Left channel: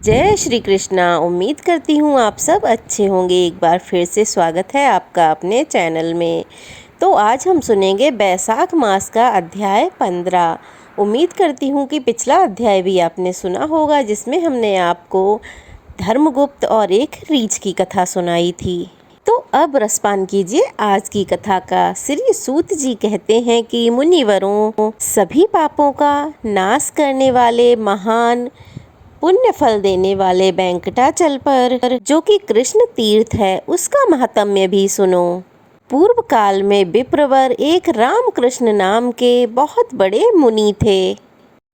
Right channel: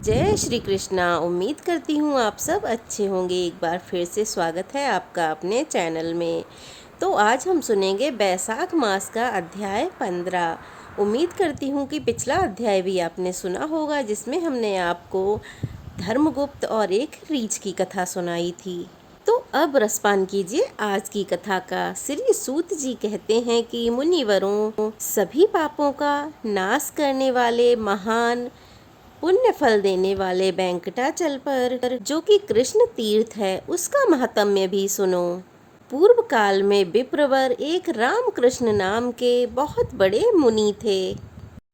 जय श्री कृष्णा। उम्मीद करती हूँ आप सब अच्छे होंगे। एक बार फिर से स्वागत है आपका अपने चैनल में। तो आज हम सुनेंगे बैसाख मास का अध्याय 15। उम्मीद करती हूँ कि पिछला अध्याय भी आपने सुना होगा, जिसमें हमने आपको धर्मगुप्त और एक रीछ की कथा सुनाई थी। तो अब रसपान कीजिए आज की कथा का। श्री सूत जी कहते हैं कि मुनिवरों, सभी पापों का नाश करने वाले महान पुण्य फल देने वाले वेंकटाचल पर, जो कि कृष्ण तीर्थ है, उसका महात्म्य भी सुनो। पूर्व काल में विप्रवर एक रामकृष्ण नाम के बहुत बड़े मुनि थे।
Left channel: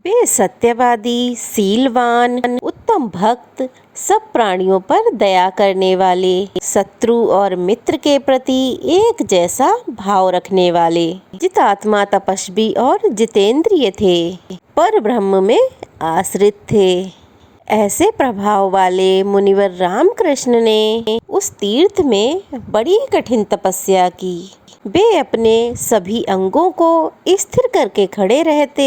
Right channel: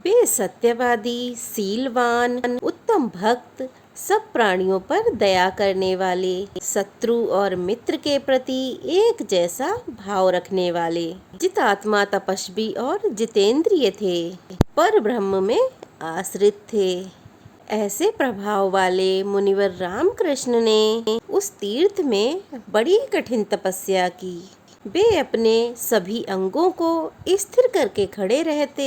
वे सत्यवादी, सीलवान, उत्तम भक्त, सब प्राणियों पर दया करने वाले, शत्रु और मित्र के प्रति एक जैसा भाव रखने वाले, जितात्मा, तपस्वी और जितेंद्रिय थे, पर ब्रह्म में आश्रित थे। ऐसे प्रभाव वाले मुनिवर रामकृष्ण ने उस तीर्थ में बड़ी कठिन तपस्या की। वे अपने सभी अंगों को स्थिर करके खड़े रहते।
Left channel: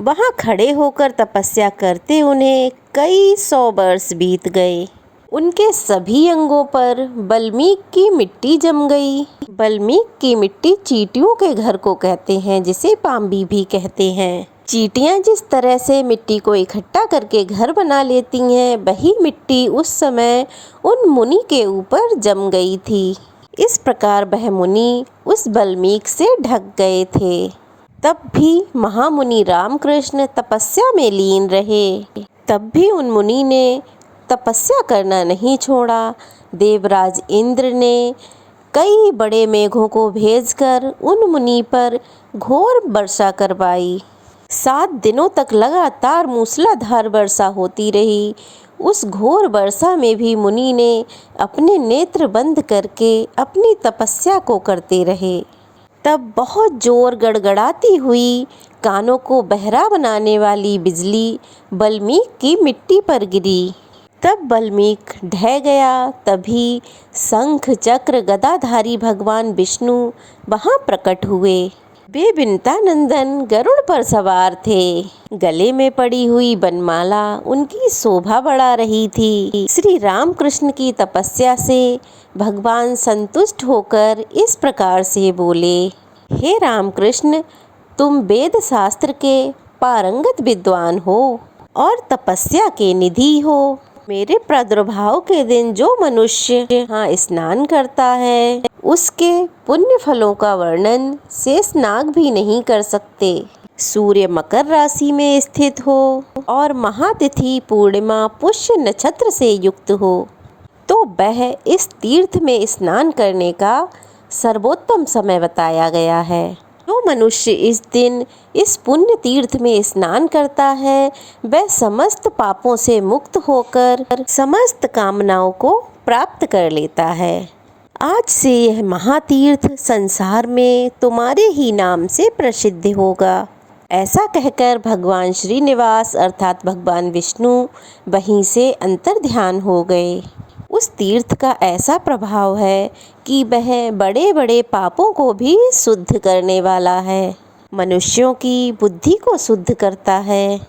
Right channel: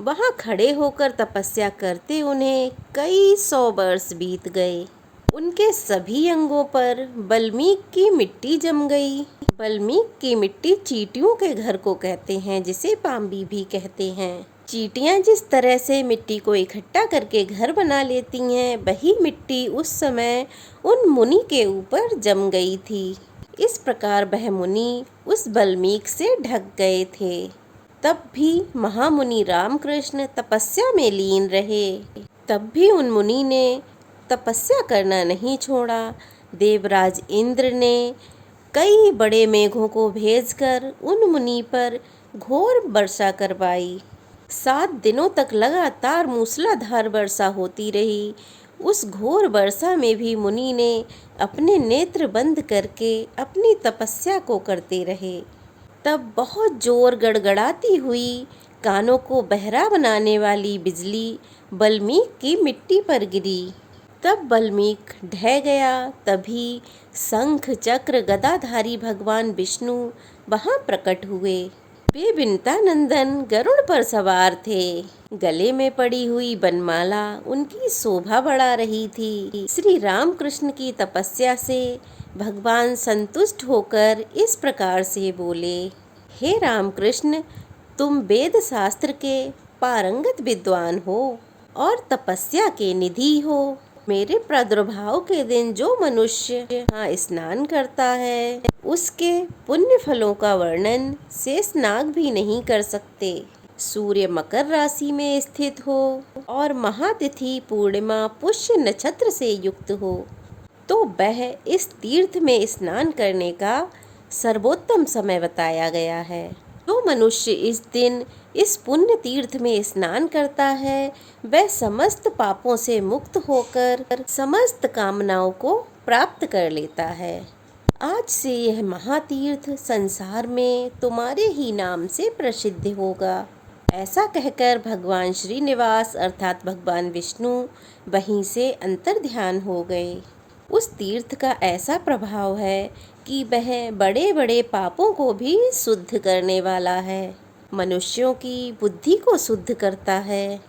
वहां खड़े होकर तपस्या करते उन्हें कई 100 वर्ष बीत गए। उनके सभी अंगों पर बल्मीक की मिट्टी जम गई। बल्मीक की मिट्टी चींटियों के घर को कहते हैं, जिसे पांबी भी कहते हैं। चींटियां जिस तरह से मिट्टी को इकट्ठा करके घर बना लेती हैं, वही मिट्टी उस समय उन मुनि के ऊपर जम गई थी। इस प्रकार वह मुनि उस बल्मीक से ढक गए थे। तब भी महामुनि रामकृष्ण तपस्या में लीन रहे। तब भी उन मुनि ने तपस्या करना नहीं छोड़ा। देवराज इंद्र ने कई बड़े मेघों को भेजकर उन मुनि पर घोर वर्षा करवाई। 7 दिनों तक लगातार मूसलाधार वर्षा होती रही। उस घोर वर्षा में भी मुनि ने अपने नेत्र बंद करके अपनी तपस्या को करते रहे। तब बहुत जोर गड़गड़ाती हुई, कानों को बहरा बनाने वाली बिजली बल्मीक की मिट्टी पर गिरी। तब बल्मीक ढह गया। तभी शंख, चक्र, गदाधारी भगवान विष्णु वहां प्रकट हुए। वे विंतानंदन गरुड़ पर सवार थे। गले में पड़ी हुई बनमाला उनकी शोभा बढ़ा रही थी। श्री रामकृष्ण की तपस्या से भगवान संतुष्ट होकर इस प्रकार से बोले, हे रामकृष्ण, तुम वेद शास्त्र के पारंगत विद्वान हो और तपस्या के निधि हो। मेरे प्रादुर्भाव के दिन जो मनुष्य यहाँ स्नान करता है, उसके पुण्य फलों का वर्णन शेषनाग भी नहीं कर सकते। सूर्य मकर राशि में स्थित हो और महातिथि पूर्णिमा पुष्य नक्षत्र से युक्त हो, तो वह इस तीर्थ में स्नान करने का सर्वोत्तम समय बताया गया है। जो मनुष्य इस दिन इस पुण्य तीर्थ में स्नान करता है, वह समस्त पापों से मुक्त होकर समस्त कामनाओं को प्राप्त कर लेता है। आज से यह महातीर्थ संसार में तुम्हारे ही नाम से प्रसिद्ध होगा। ऐसा कहकर भगवान श्रीनिवास अर्थात भगवान विष्णु वहीं से अंतर्ध्यान हो गए। उस तीर्थ का ऐसा प्रभाव है कि वह बड़े बड़े पापों को भी शुद्ध करने वाला है, मनुष्यों की बुद्धि को शुद्ध करता है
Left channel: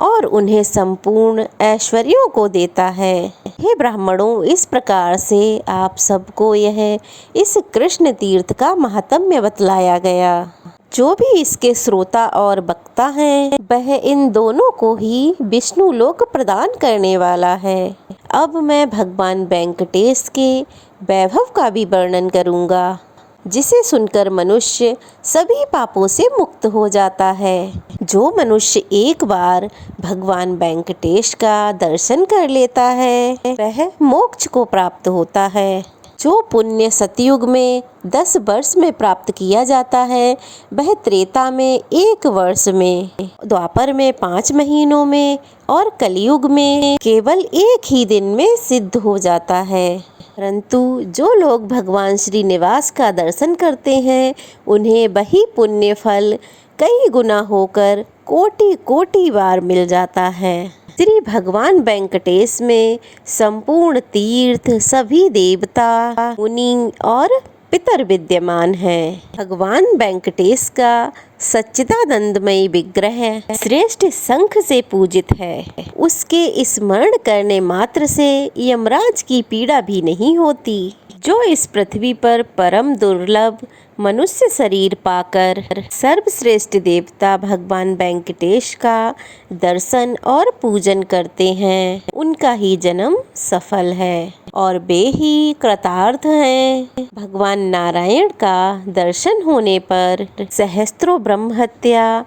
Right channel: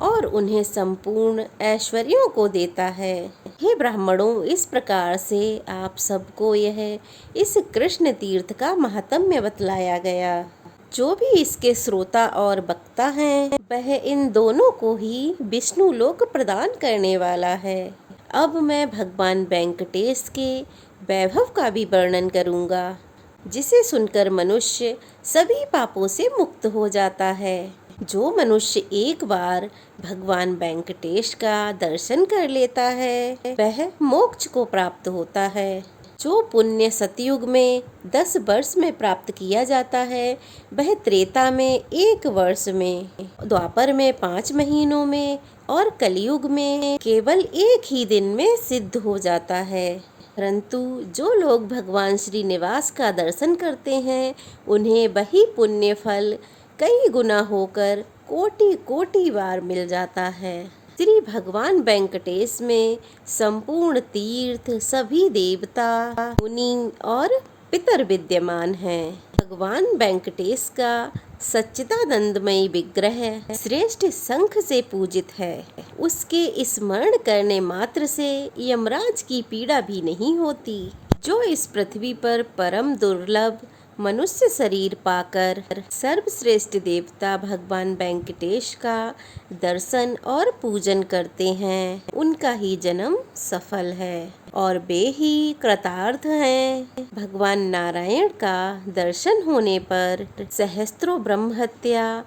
और उन्हें संपूर्ण ऐश्वर्यों को देता है। हे ब्राह्मणों, इस प्रकार से आप सबको यह इस कृष्ण तीर्थ का महात्म्य बतलाया गया। जो भी इसके श्रोता और वक्ता हैं, वह इन दोनों को ही विष्णु लोक प्रदान करने वाला है। अब मैं भगवान वेंकटेश के वैभव का भी वर्णन करूंगा, जिसे सुनकर मनुष्य सभी पापों से मुक्त हो जाता है। जो मनुष्य एक बार भगवान वेंकटेश का दर्शन कर लेता है, वह मोक्ष को प्राप्त होता है। जो पुण्य सतयुग में 10 वर्ष में प्राप्त किया जाता है, वह त्रेता में 1 वर्ष में, द्वापर में 5 महीनों में और कलयुग में केवल 1 ही दिन में सिद्ध हो जाता है। परंतु जो लोग भगवान श्रीनिवास का दर्शन करते हैं, उन्हें वही पुण्य फल कई गुना होकर कोटि कोटि बार मिल जाता है। श्री भगवान वेंकटेश में संपूर्ण तीर्थ, सभी देवता, मुनि और पितर विद्यमान हैं। भगवान वेंकटेश का सच्चिदानंदमयी विग्रह श्रेष्ठ शंख से पूजित है। उसके स्मरण करने मात्र से यमराज की पीड़ा भी नहीं होती। जो इस पृथ्वी पर परम दुर्लभ मनुष्य शरीर पाकर सर्वश्रेष्ठ देवता भगवान वेंकटेश का दर्शन और पूजन करते हैं, उनका ही जन्म सफल है और वे ही कृतार्थ हैं। भगवान नारायण का दर्शन होने पर सहस्त्रों ब्रह्म हत्या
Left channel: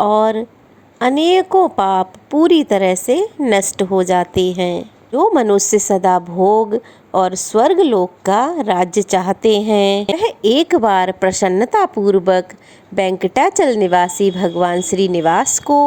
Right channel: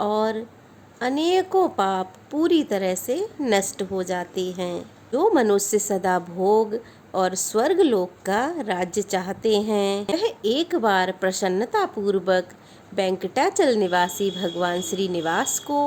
और अनेकों पाप पूरी तरह से नष्ट हो जाते हैं। जो मनुष्य सदा भोग और स्वर्ग लोक का राज्य चाहते हैं, वह एक बार प्रसन्नता पूर्वक वेंकटाचल निवासी भगवान श्रीनिवास को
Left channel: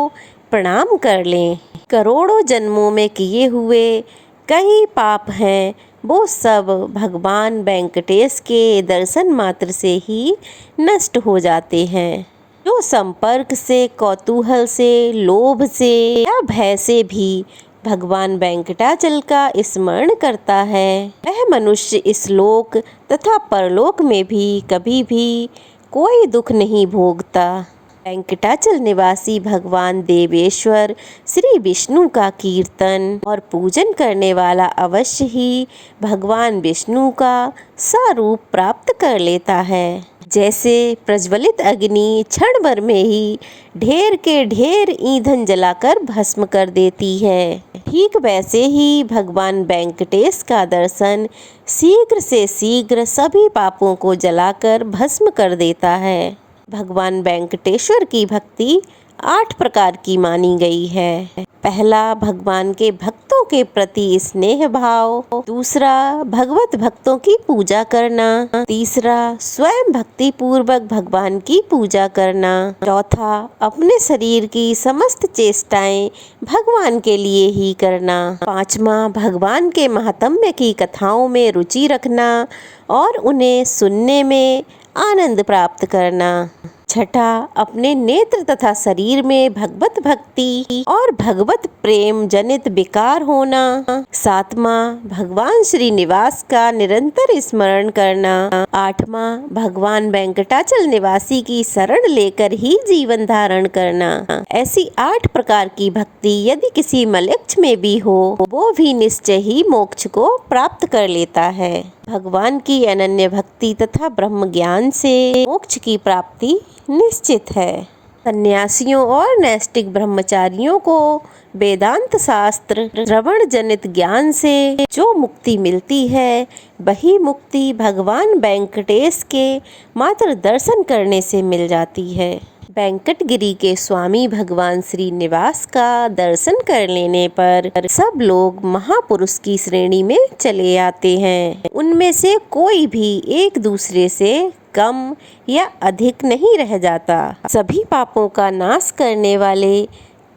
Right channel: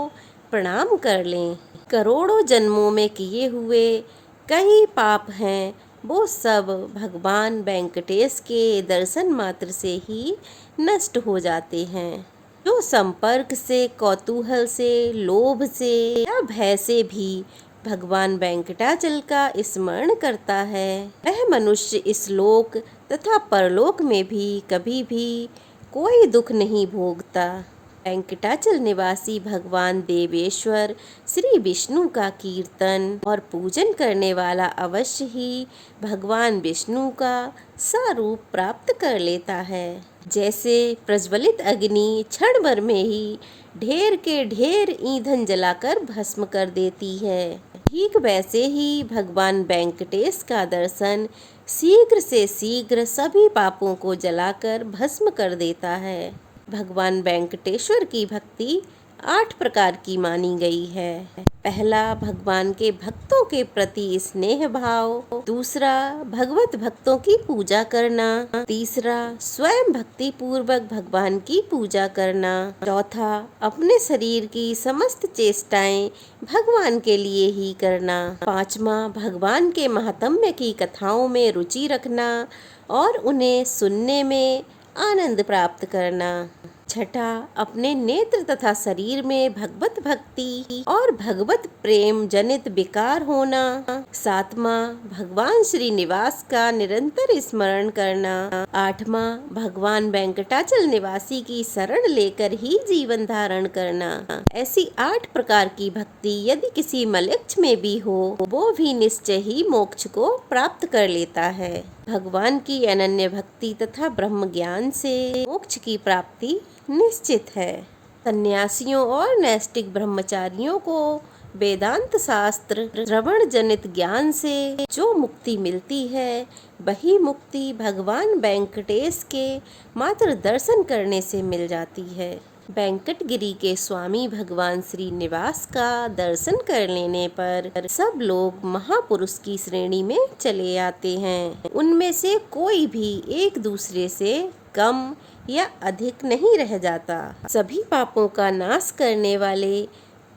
प्रणाम कर लें। करोड़ों जन्मों में किए हुए कई पाप हैं, वो सब भगवान वेंकटेश के दर्शन मात्र से ही नष्ट हो जाते हैं। जो संपर्क से, कौतूहल से, लोभ से या भय से भी भगवान वेंकटाचल का स्मरण करता है, वह मनुष्य इस लोक तथा परलोक में भी कभी भी कोई दुख नहीं भोगता। वेंकटाचल निवासी भगवान देवेश्वर श्री विष्णु का कीर्तन और पूजन करने वाला अवश्य ही भगवान विष्णु का स्वरूप प्राप्त कर लेता है। जैसे प्रज्वलित अग्नि क्षण भर में ही ढेर के ढेर ईंधन जलाकर भस्म कर देती है, ठीक वैसे ही भगवान वेंकटेश का दर्शन शीघ्र से शीघ्र सभी पापों को जलाकर भस्म कर देता है। भगवान वेंकटेश्वर की भक्ति 8 प्रकार की मानी गई है। पहला, भगवान के भक्तों के प्रति स्नेह भाव। दूसरा, भगवत भक्तों की पूजा करना। तीसरा, स्वयं भक्ति पूर्वक भगवान की पूजा करना। चौथा, अपने शरीर की समस्त चेष्टाएं भगवान के लिए ही करना। पांचवा, भगवान के महात्म्य की कथाओं में रुचि रखना और उन्हें सुनने में आनंद प्राप्त करना। छठा, अपने नेत्र तथा शरीर में भगवत भक्ति और भगवत प्रेम जनित विकार होना। सातवां, भगवान श्रीनिवास का निरंतर स्मरण करना। आठवां, भगवान वेंकटाचल निवासी की शरण लेकर ही जीवन धारण करना। ऐसी 8 प्रकार की भक्ति यदि किसी मनुष्य में भी हो, वो भी निश्चय ही मोक्ष को प्राप्त कर लेता है। भगवान की अनन्य भक्ति तथा ब्रह्म ज्ञान से मोक्ष की प्राप्ति निश्चित है। सन्यासियों और नैष्ठिक ब्रह्मचारियों को वेदांत शास्त्र श्रवण जनित ज्ञान से जो मुक्ति मिलती है, वही मुक्ति भगवान वेंकटेश के मात्र दर्शन करने से मिल जाती है। वेंकटगिरी के स्वामी भगवान श्रीनिवास का दर्शन कर लेने पर सब लोग महापुरुष की श्रेणी में चले आते हैं। उनमें से कोई भी एक दूसरे से कम या अधिक नहीं रह जाता। सभी पापों का नाश करने वाले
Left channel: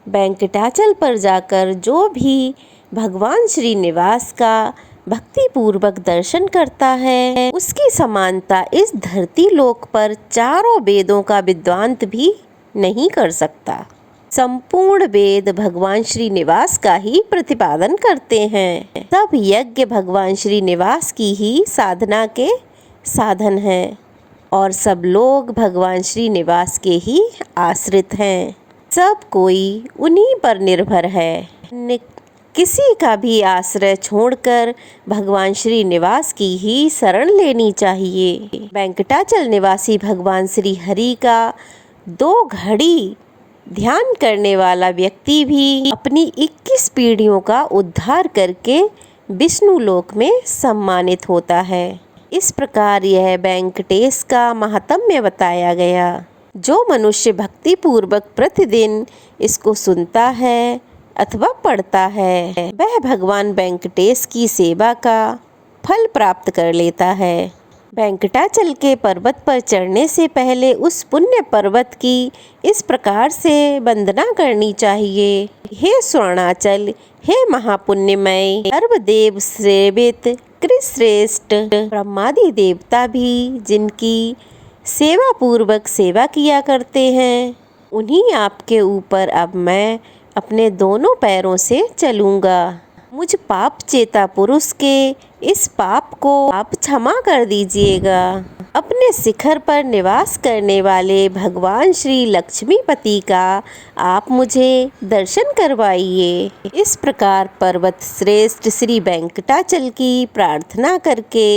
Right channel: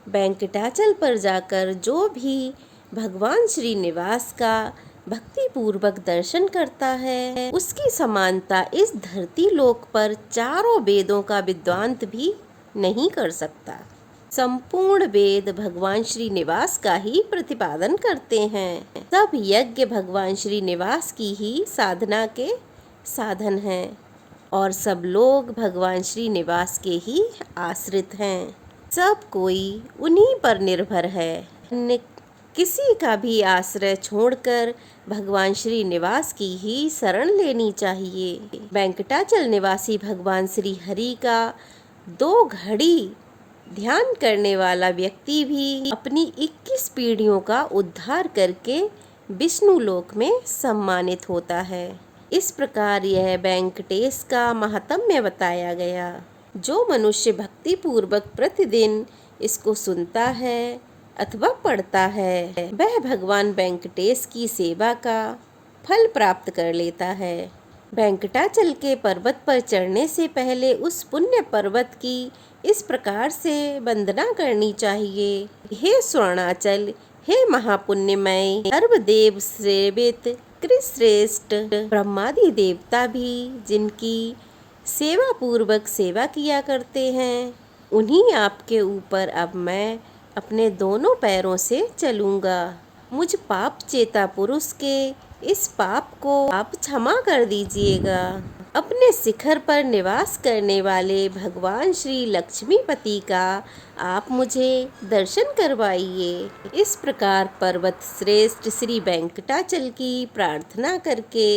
वेंकटाचल पर जाकर जो भी भगवान श्रीनिवास का भक्ति पूर्वक दर्शन करता है, उसकी समानता इस धरती लोक पर चारों वेदों का विद्वांत भी नहीं कर सकता। संपूर्ण वेद भगवान श्रीनिवास का ही प्रतिपादन करते हैं। सब यज्ञ भगवान श्रीनिवास की ही साधना के साधन हैं और सब लोग भगवान श्रीनिवास के ही आश्रित हैं। सब कोई उन्हीं पर निर्भर है। किसी का भी आश्रय छोड़कर भगवान श्रीनिवास की ही शरण लेनी चाहिए। वेंकटाचल निवासी भगवान श्री हरि का 2 घड़ी ध्यान करने वाला व्यक्ति भी अपनी 21 पीढ़ियों का उद्धार करके विष्णु लोक में सम्मानित होता है। इस प्रकार यह वेंकटेश का महात्म्य बताया गया। जो मनुष्य भक्ति पूर्वक प्रतिदिन इसको सुनता है अथवा पढ़ता है, वह भगवान वेंकटेश की सेवा का फल प्राप्त कर लेता है। वेंकटाचल के पर्वत पर चढ़ने से पहले उस पुण्य पर्वत की इस प्रकार से वंदना करनी चाहिए। हे स्वर्णाचल, हे महापुण्यमय, सर्वदेव सेवित कृश्रेष्ठ ब्रह्मादि देवता भी जिनकी सेवा पूर्वक सेवा किया करते हैं, उन्हीं आपके ऊपर अब मैं अपने दोनों पैरों से चलूँगा। मुझ पाप चेता पुरुष के इस पाप को आप क्षमा कर दीजिएगा। अपने शिखर पर निवास करने वाले भगवान श्री लक्ष्मीपति का आप मुझे दर्शन करवाइए। इस प्रकार पर्वत श्रेष्ठ श्री वेंकटाचल की प्रार्थना करके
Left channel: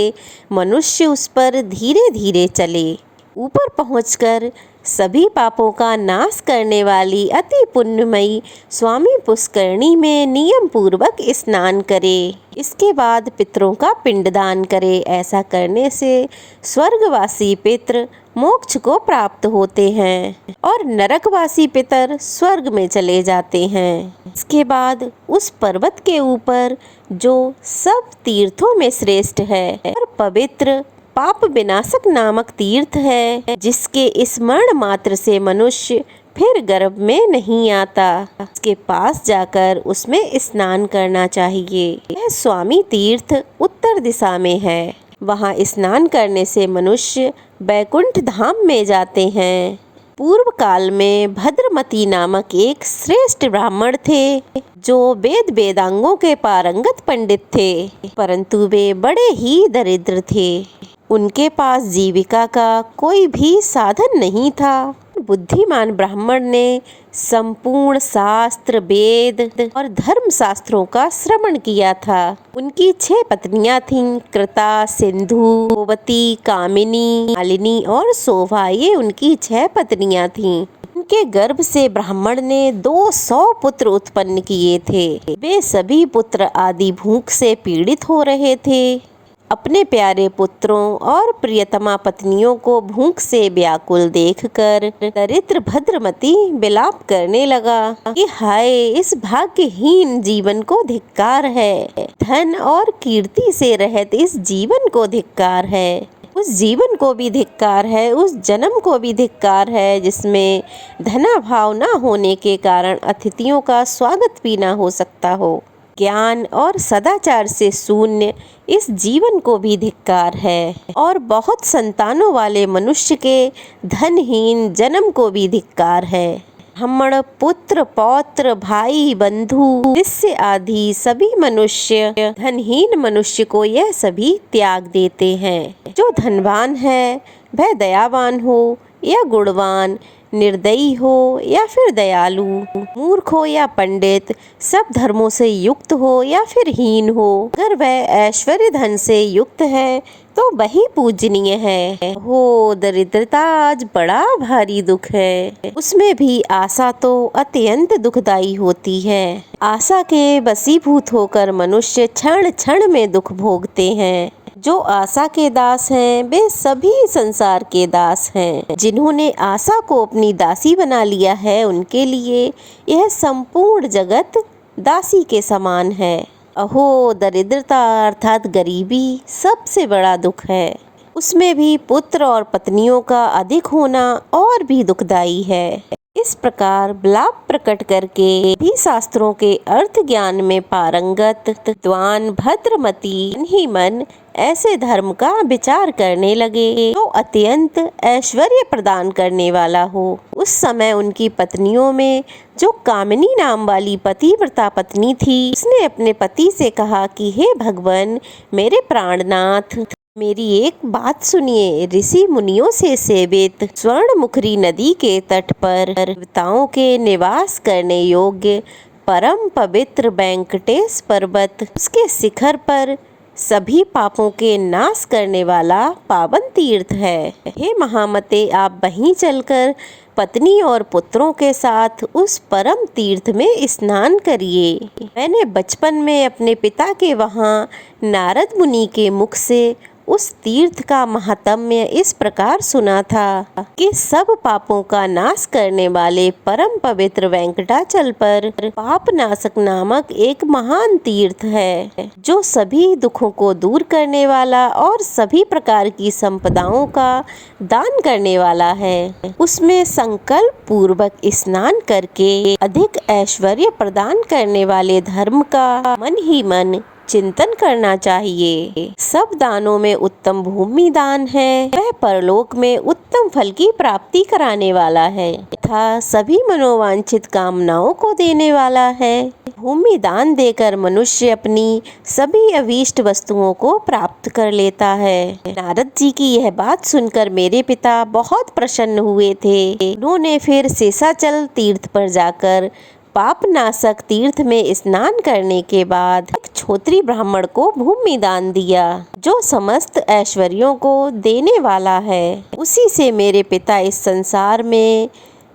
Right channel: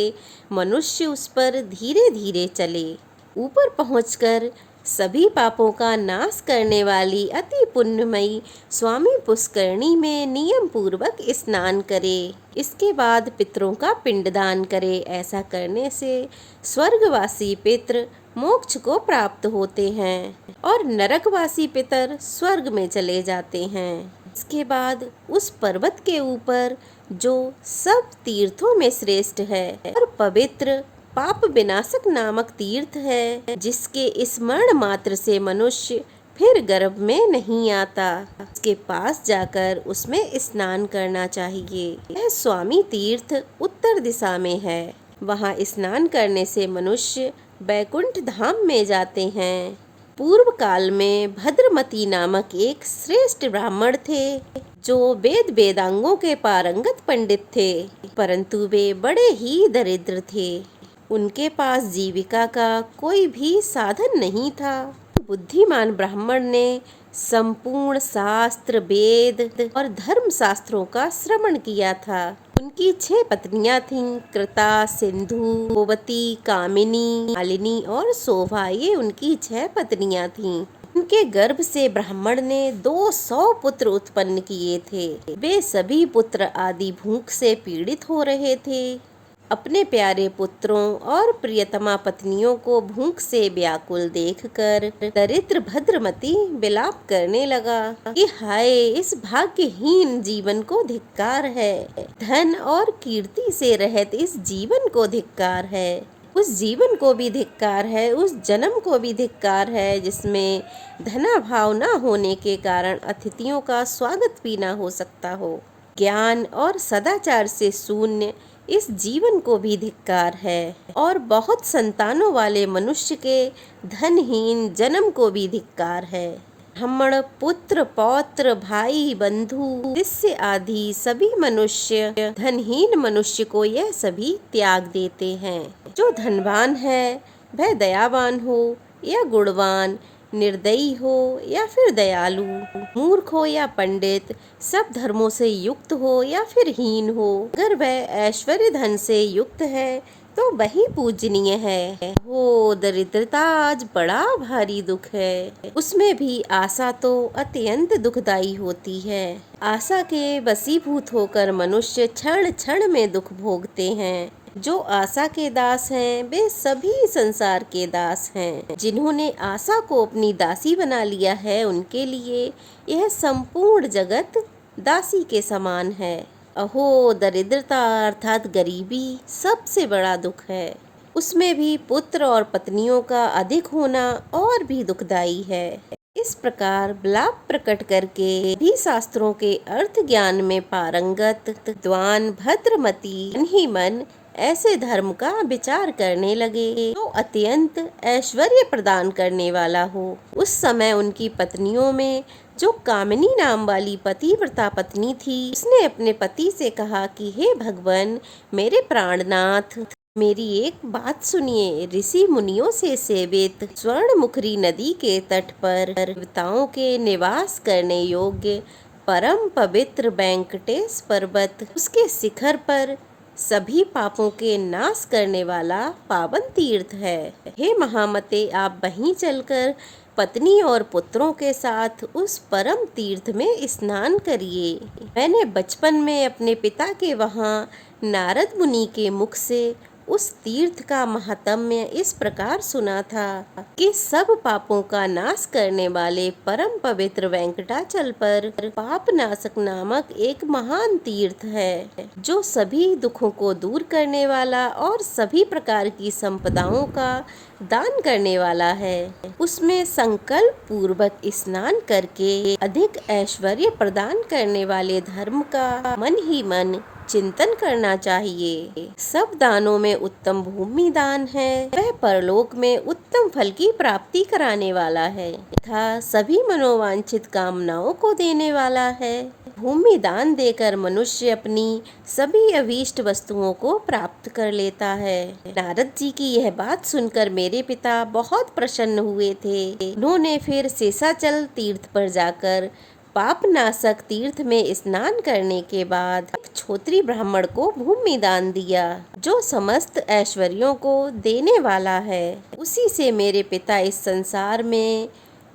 मनुष्य उस पर धीरे धीरे चले। ऊपर पहुंचकर सभी पापों का नाश करने वाली अति पुण्यमयी स्वामी पुष्करणी में नियम पूर्वक स्नान करे। इसके बाद पितरों का पिंडदान करे। ऐसा करने से स्वर्गवासी पितर मोक्ष को प्राप्त होते हैं और नरकवासी पितर स्वर्ग में चले जाते हैं। इसके बाद उस पर्वत के ऊपर जो सब तीर्थों में श्रेष्ठ है और पवित्र पाप विनाशक नामक तीर्थ है, जिसके स्मरण मात्र से मनुष्य फिर गर्भ में नहीं आता, उसके पास जाकर उसमें स्नान करना चाहिए। यह स्वामी तीर्थ उत्तर दिशा में है। वहाँ स्नान करने से मनुष्य बैकुंठ धाम में जाते हैं। पूर्व काल में भद्रमती नामक एक श्रेष्ठ ब्राह्मण थे जो वेद वेदांगों के पारंगत पंडित थे, परंतु वे बड़े ही दरिद्र थे। उनके पास जीविका का कोई भी साधन नहीं था। बुद्धिमान ब्राह्मण ने संपूर्ण शास्त्र वेद और धर्म शास्त्रों का श्रवण किया था। उनकी 6 पत्नियां थीं, कृता, सिंधु, गोवती, कामिनी, मालिनी और शोभा। ये उनकी 6 पत्नियां थीं। उनके गर्भ से ब्राह्मण ने 200 पुत्र उत्पन्न किए थे। वे सभी पुत्र आदि भूख से पीड़ित हो रहे थे। अपने प्यारे पुत्रों और प्रियतमा पत्नियों को भूख से व्याकुल देखकर दरिद्र भद्रमती विलाप करने लगा कि हाय, इस भाग्यहीन जीवन को धिक्कार है। धन और कीर्ति से रहित इस जीवन को धिक्कार है। उस जीवन को भी धिक्कार है, उस जन्म को भी धिक्कार है जिसमें धनाभाव न होने के कारण अतिथियों का स्वागत भी न हो सकता हो। ज्ञान और सदाचार से शून्य इस जीवन को भी धिक्कार है और बहुत संतानों वाले मनुष्य के धनहीन जन्म को भी धिक्कार है। ब्राह्मण पुत्र पौत्र भाई बंधु शिष्य आदि सभी मनुष्य धनहीन मनुष्य को यह सभी त्याग देते हैं। जो धनवान है वह दयावान हो या गुणवान, निर्दयी हो या फिर दयालु, मूर्ख हो या पंडित, सब धर्मों से युक्त हो या फिर हीन हो, अगर वह ऐश्वर्य धन से युक्त है तो वही पूजनीय है। हो दरिद्रता आज बड़ा भारी दुख है। उसमें भी आशा तो अत्यंत दुखदायी होती है। आशा के वशीभूत होकर मनुष्य क्षण क्षण में दुख भोगते हैं। जो आशा के दास हैं वे सभी संसार के दास हैं। जिन्होंने आशा को अपनी दासी बना लिया है उनके लिए यह संपूर्ण जगत दासी के समान है। अहो दरिद्रता अर्थात गरीबी सबसे बड़ा दुख है। उसमें भी पुत्र और पत्नियों का अधिक होना और भी दुखदायी है। इस प्रकार विलाप प्रकट करके भी शास्त्रों के अर्थ ज्ञान में पारंगत विद्वान भद्रमती ही मन ऐसे धर्म का विचार करने लगे तो अत्यंत ऐश्वर्य प्रदान करने वाला हो। उस समय उनकी पत्नियों में जो कामिनी नाम वाली पतिव्रता पत्नी थी, उसने अपने पति से कहा कि हे भगवान, मेरे प्राणनाथ, मेरी एक बात सुनिए। ऋषि मुनियों से सेवित स्वर्णमुखरी नदी के तट पर देवताओं के निवास करने योग्य परम पवित्र वेंकटेश पर्वत, उसके शिखर पर सभी पापों के नाश करने वाला पावन तीर्थ है। हे महामते, आप वहीं चलकर पत्नी और पुत्रों के साथ उस परम तीर्थ में स्नान करिए। मैंने बचपन में अपने पिता के वहाँ नारद मुनि के मुख से उस तीर्थ का महात्म्य इस प्रकार सुना था कि सब पापों का नाश करने वाले परम पवित्र वेंकटाचल पर पाप नाशक नामक एक महान तीर्थ है, जो सभी दुखों को दूर करने वाला और सभी प्रकार की संपदाओं का दान करने वाला है। उसमें संकल्प पूर्वक स्नान करके अधिक ऐश्वर्य प्रदान करने वाले धर्म का मन ही मन चिंतन करना चाहिए। सब दानों में उत्तम भूमि दान है। वह परलोक में उत्तम उत्तम फल की प्राप्ति कराने वाला है तथा सभी मनोवांछित कामनाओं को देने वाला है। भूमि दान देकर मनुष्य अपनी सभी अभीष्ट वस्तुओं को प्राप्त कर लेता है। नारद जी की यह बात सुनकर मेरे पिता बहुत प्रसन्न हुए थे। उन्होंने फिर शेषाचल तीर्थ पर जाकर पापनाशक तीर्थ में स्नान करने के बाद एक क्षत्रिय ब्राह्मण को भूमि दान दिया, जो समस्त ऐश्वर्यों को देने वाला है। उसी से मेरे पिता इस संसार में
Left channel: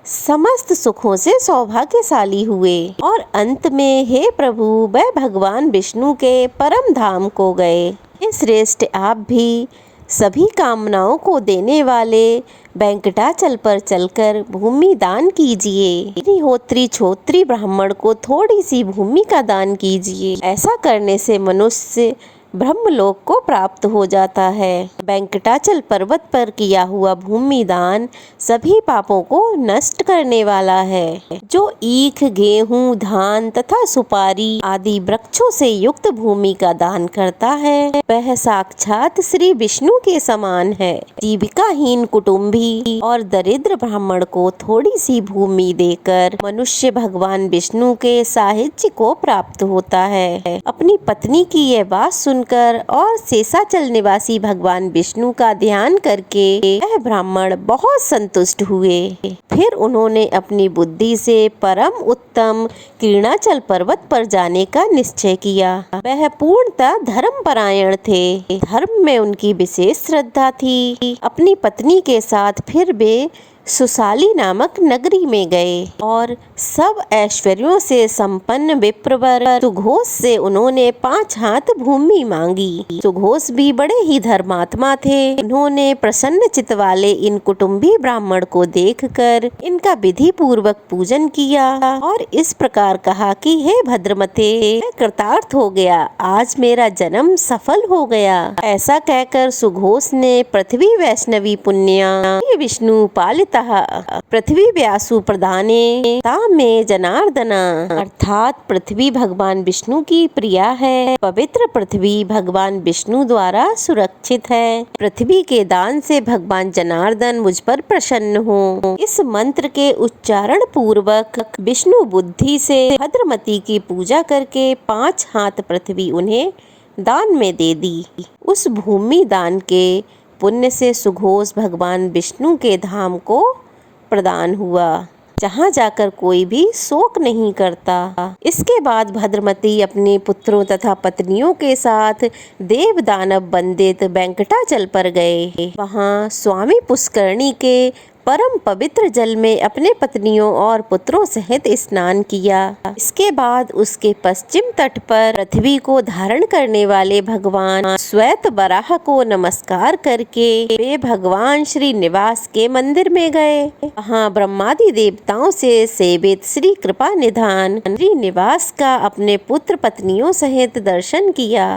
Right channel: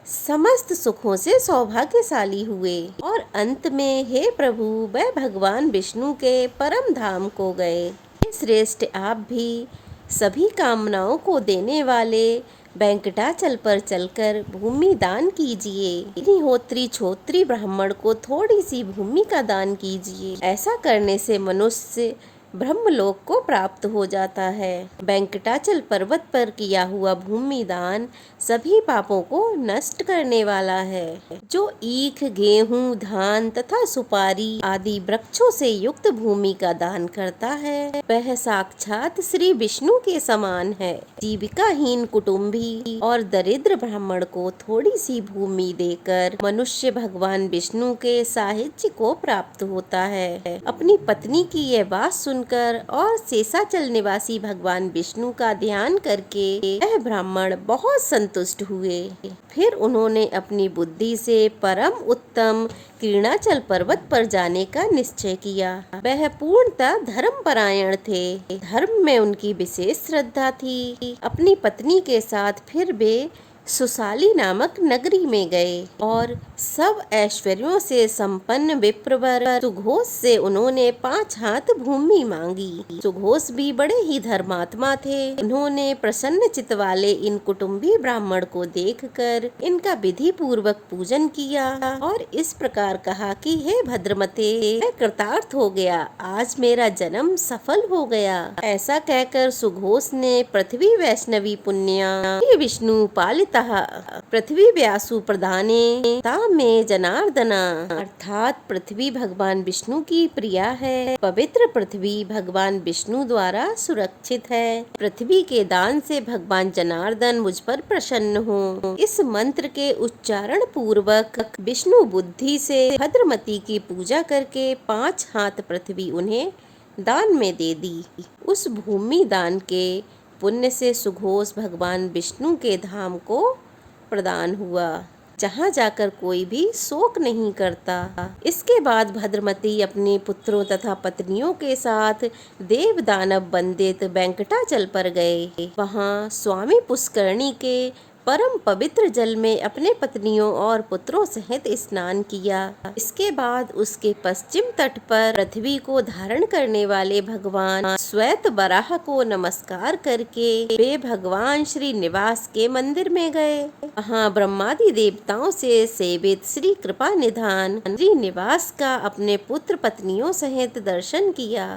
समस्त सुखों से सौभाग्यशाली हुए और अंत में हे प्रभु वह भगवान विष्णु के परम धाम को गए। हे श्रेष्ठ, आप भी सभी कामनाओं को देने वाले वेंकटाचल पर चलकर भूमि दान कीजिए। अग्निहोत्री क्षत्रिय ब्राह्मण को थोड़ी सी भूमि का दान कीजिए। ऐसा करने से मनुष्य ब्रह्मलोक को प्राप्त हो जाता है। वेंकटाचल पर्वत पर किया हुआ भूमि दान सभी पापों को नष्ट करने वाला है। जो ईख, गेहूं, धान तथा सुपारी आदि वृक्षों से युक्त भूमि का दान करता है वह साक्षात श्री विष्णु के समान है। जीविकाहीन कुटुंबी और दरिद्र ब्राह्मण को थोड़ी सी भूमि देकर मनुष्य भगवान विष्णु के साहित्य को प्राप्त होता है। अपनी पत्नी की यह बात सुनकर और शेषाचल निवासी भगवान विष्णु का ध्यान करके वह ब्राह्मण बहुत संतुष्ट हुए। फिर उन्होंने अपनी बुद्धि से परम उत्तम कीर्णाचल पर्वत पर जाने का निश्चय किया। वह पूर्णतः धर्मपरायण थे। धर्म में उनकी विशेष श्रद्धा थी। अपनी पत्नी के साथ फिर वे सुसाली नामक नगरी में गए और सब ऐश्वर्यों से संपन्न विप्रवर सुघोष से उन्होंने 5 हाथ भूमि मांगी। सुघोष भी बड़े ही धर्मात्मा थे। उन्होंने प्रसन्न चित्त वाले इन कुटुंबी ब्राह्मण को देखकर इनका विधि पूर्वक पूजन किया और इस प्रकार कहा कि हे भद्रमते, मैं कृतार्थ हो गया, आज मेरा जन्म सफल हो गया। ऐसा कहकर सुघोष ने पृथ्वी वैष्णवी पुण्या विष्णु पालित पृथ्वी व्यासु प्रधाने तामे जनार्दना, अर्थात पृथ्वी भगवान विष्णु की प्रिया है। पवित्र पृथ्वी भगवान विष्णु द्वारा सुरक्षित है। पृथ्वी के दान से भगवान जनार्दन मुझ पर प्रसन्न हो। इस मंत्र के उच्चारण पूर्वक विष्णु बुद्धि से भद्रमती की पूजा करके 5 हाथ पृथ्वी उन्हें दान में दे दी। उस भूमि दान के पुण्य से सुघोष भगवान विष्णु के धाम को प्रदान हुआ, जहाँ जाकर कोई भी शोक नहीं करता। इसके बाद भद्रमती अपने पुत्रों तथा पत्नियों के साथ देव दानव वंदित वेंकटाचल पर गए। वहाँ स्वामी पुष्करणी के परम पवित्र जल में अपने पत्नियों और पुत्रों सहित स्नान किया। इसके बाद उसके पश्चिम तट पर पृथ्वी को धारण करने वाले भगवान श्वेत वराह को नमस्कार करके वे भगवान श्री निवास के मंदिर में गए। वहाँ ब्रह्मादि देवताओं से सेवित श्री कृपा निधान श्री निवास का अपने पुत्र पत्नियों सहित दर्शन किया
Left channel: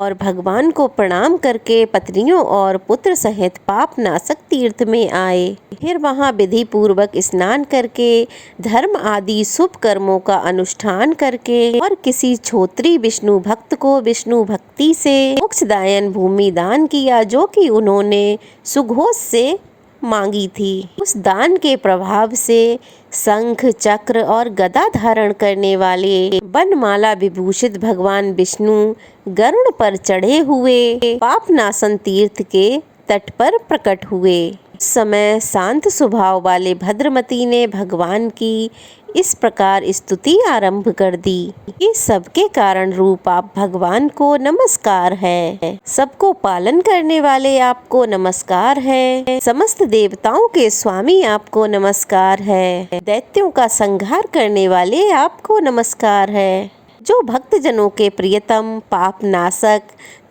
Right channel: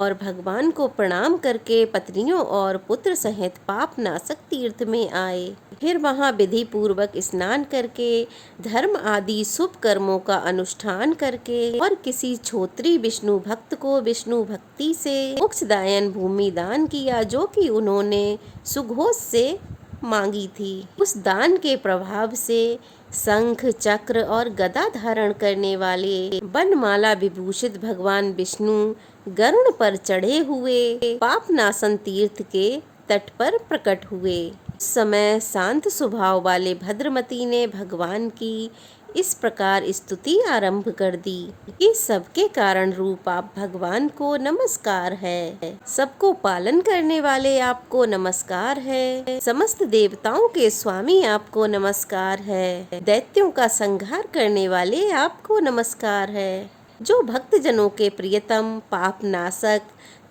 और भगवान को प्रणाम करके पत्नियों और पुत्र सहित पाप नाशक तीर्थ में आए। फिर वहाँ विधि पूर्वक स्नान करके धर्म आदि शुभ कर्मों का अनुष्ठान करके और किसी क्षत्रिय विष्णु भक्त को विष्णु भक्ति से मोक्षदायन भूमि दान किया, जो कि उन्होंने सुघोष से मांगी थी। उस दान के प्रभाव से शंख, चक्र और गदा धारण करने वाले वनमाला विभूषित भगवान विष्णु गरुड़ पर चढ़े हुए पापनाशन तीर्थ के तट पर प्रकट हुए। इस समय शांत स्वभाव वाले भद्रमती ने भगवान की इस प्रकार स्तुति आरंभ कर दी कि सबके कारण रूप आप भगवान को नमस्कार है। सबको पालन करने वाले आपको नमस्कार है। समस्त देवताओं के स्वामी आपको नमस्कार है। दैत्यों का संहार करने वाले आपको नमस्कार है। जो भक्तजनों के प्रियतम, पाप नाशक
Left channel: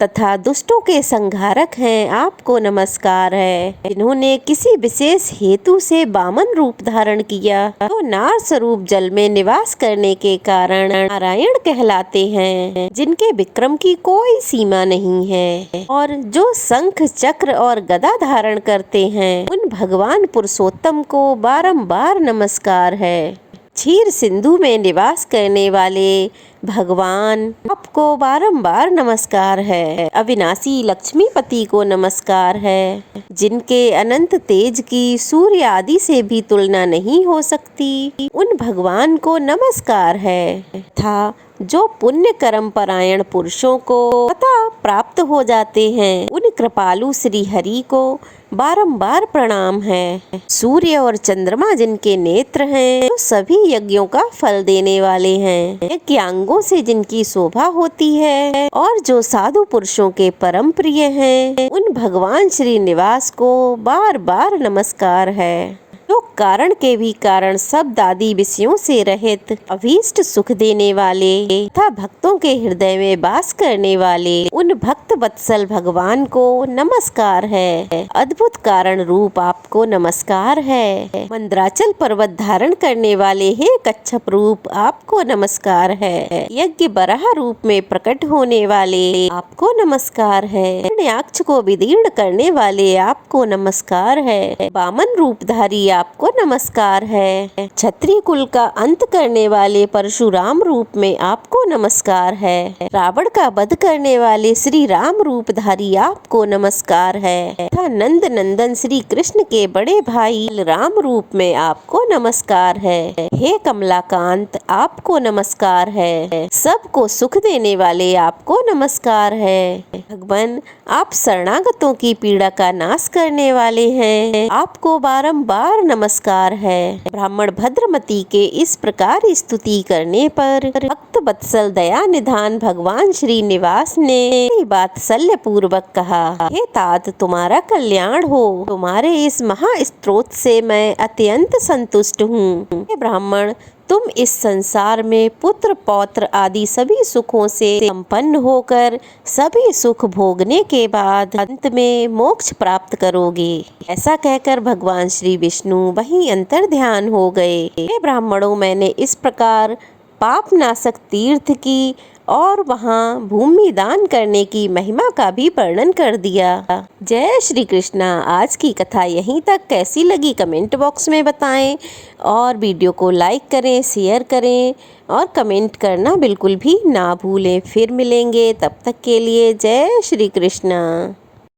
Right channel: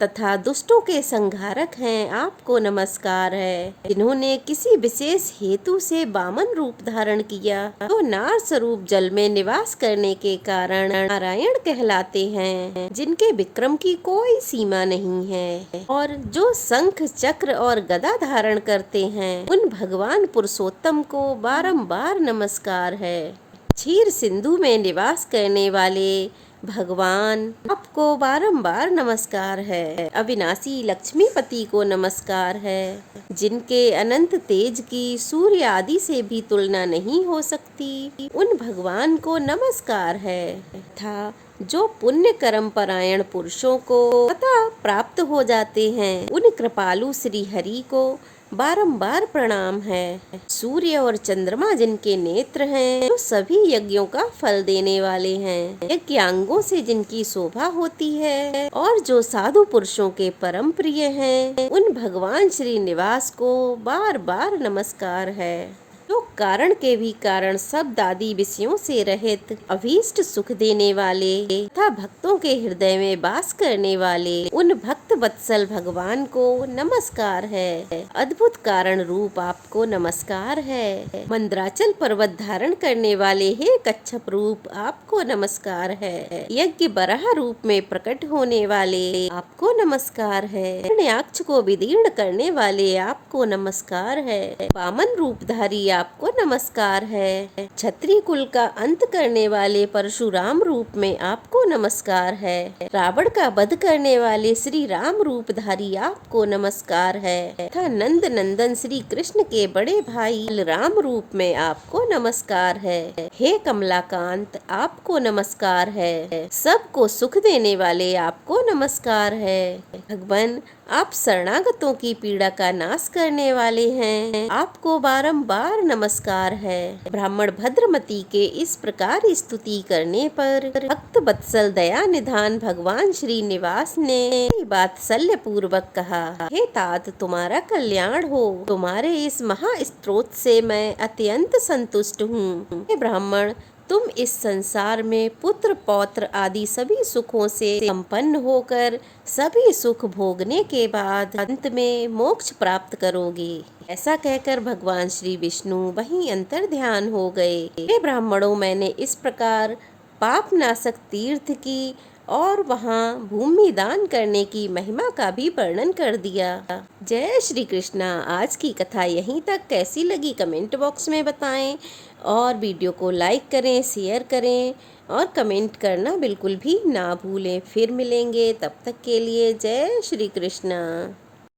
तथा दुष्टों के संहारक हैं, आपको नमस्कार है। जिन्होंने किसी विशेष हेतु से वामन रूप धारण किया, तो नार स्वरूप जल में निवास करने के कारण नारायण कहलाते हैं, जिनके विक्रम की कोई सीमा नहीं है। और जो शंख, चक्र और गदा धारण करते हैं, उन भगवान पुरुषोत्तम को बारंबार नमस्कार है। क्षीर सिंधु में निवास करने वाले भगवान आपको बारंबार नमस्कार है। अविनाशी लक्ष्मीपति को नमस्कार है, जिनके अनंत तेज की सूर्य आदि से भी तुलना नहीं हो सकती, उन भगवान को नमस्कार है। था जो पुण्य कर्म परायण पुरुषों को पता प्राप्त हो जाते हैं, उन कृपालु श्री हरि को बारंबार प्रणाम है। सूर्य और चंद्रमा जिनके नेत्र हैं, तो सभी यज्ञों का फल देने वाले हैं। यज्ञांगों से जिनकी शोभा होती है और जो साधु पुरुषों के परम प्रिय हैं, उन भगवान श्री निवास को बार बार नमस्कार है। जो कारण के भी कारण सब दादी विषयों से रहित, अभीष्ट सुख देने वाले तथा भक्तों के हृदय में वास करने वाले, उन भक्त वत्सल भगवान को नमस्कार है। अद्भुत कारण रूप आपको नमस्कार है। मंदराचल पर्वत धारण करने वाले हे कच्छप रूप आपको नमस्कार है। यज्ञ बराह रूप में प्रकट होने वाले आपको नमस्कार है। हिरण्याक्ष को विदीर्ण करने वाले आपको नमस्कार है। वामन रूपधारी आपको नमस्कार है। क्षत्रिय कुल का अंत करने वाले परशुराम रूप में आपको नमस्कार है। रावण का वध करने वाले श्री राम रूपधारी आपको नमस्कार है। तथा नंद नंदन श्री कृष्ण के बड़े भाई राम रूप में आपको नमस्कार है। हे कमलाकांत आपको नमस्कार है। सबको सुख देने वाले आपको नमस्कार है। भगवान आप शरणागतों की पीड़ा का नाश करने वाले हैं, आपको बारंबार नमस्कार है। ब्राह्मण भद्रमती के इस प्रकार स्तुति करने पर भक्त वत्सल दया निधान भगवान श्री निवास ने वात्सल्य पूर्वक कहा, हे तात तुम्हारा कल्याण हो। तुम्हारे इस महास्त्रोत से मैं अत्यंत संतुष्ट हूँ। हे ब्राह्मण तुम इस संसार में पुत्र पौत्र आदि सभी सुखों से संपन्न होकर सभी सुख भोगने के बाद अंत में मोक्ष प्राप्त करोगे। ऐसा कहकर भगवान श्री विष्णु वहीं अंतर ध्यान हो गए। हे ब्राह्मणों मैंने इस प्रकार पाप नाशक तीर्थ की और वहाँ भूमि दान करने की महिमा का भी वर्णन कर दिया। जय श्री कृष्णा। आज की कथा यहीं तक। कैसी लगी कमेंट बॉक्स में बताएं और वीडियो को लाइक करें, शेयर करें और कमेंट करना बिल्कुल भी ना भूलें। फिर मिलेंगे, तब तक के लिए जय श्री कृष्णा।